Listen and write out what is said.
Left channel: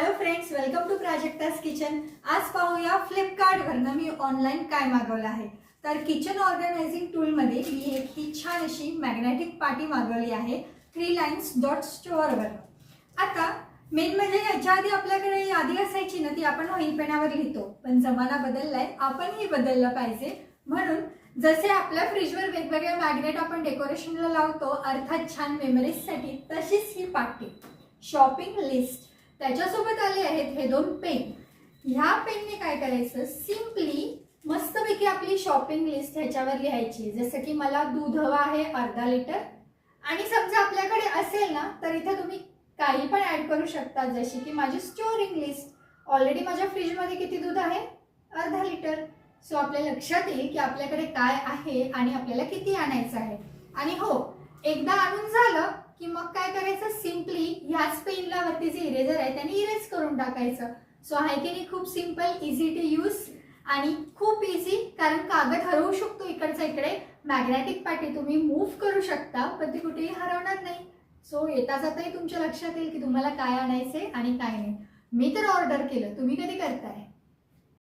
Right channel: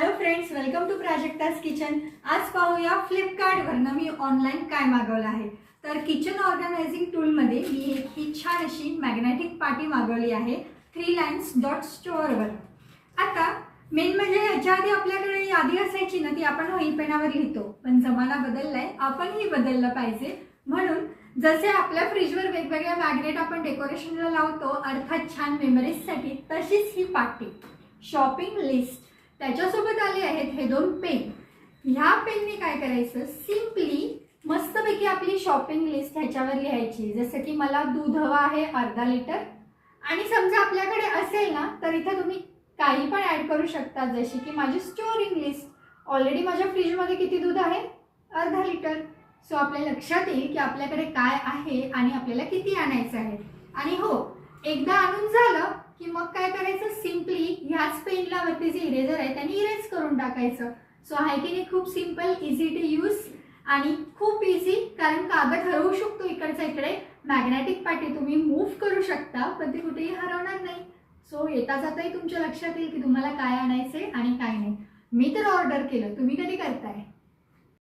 Hello friends, welcome to Prajakta's kitchen. आज पाहूया फ्लिपकार्टवरनं मी online काय मागवलं आहे। तर किचन ऑर्गनायझिंग टूलमध्ये मी एक ही छान अशी मॅग्नेटिक पाटी मागवली आहे 3 लाईन्स डॉट स्टोअरवर। आता मेन म्हणजे याच्या आधी आपल्याकडे यादी असायची ना, ती आपण वही पेनावर लिहितो, पण जमाना बदललाय, आपणही बदललं पाहिजे। म्हणून जसे आपल्या फ्रीजवर वेगवेगळे मॅग्नेट आपण डेकोरेशनला लावतो, अर्थात छान मेमरीजसाठी, तशीच ही पाटी शॉपिंग लिस्ट त्याच्यासोबत आले आहेत हे 2 पेन। ह्या पेनने काय करायचं, सिंपली मस्तपैकी आपली शॉपिंग लिस्ट ह्याच्यावर लिहायची। जसं की मला दूध हवं आहे अर्धा लिटर, आणि समजा आपल्याकडे असेल ना तर इथे तुम्ही काही पण ऍड करू शकता, जशी की माझी स्टोरिंग लिस्ट। ऑलरेडी माझ्या फ्रीजमध्ये किती दूध आहे, अर्धा लिटर। सो आपल्या लक्षात येईल की आपल्याकडे काय आहे आणि आपल्याला किती आणायचं आहे। आणि हो, एकदा आणून झालं की मग काय करायचं, सिंपली ह्याच पेनला वरती जे इरेजर आहे त्याने इरेज करून टाकायचं। सो आहे की नाही, खूप सिंपल, इझी टू यूज आणि खूप इझी, कारण कागद हरवू शकतो इकडचा इकडे। मॅग्नेटिक पाटी तुम्ही मूव्ह करू शकता, पण ती कुठेही हरवणार नाही। सो येता जाताही तुमच्या लक्षात येईल की तुम्हाला काय आणायचंय आणि काय नाही। मी तर ऑर्डर केलं, तुम्ही कधी करताय?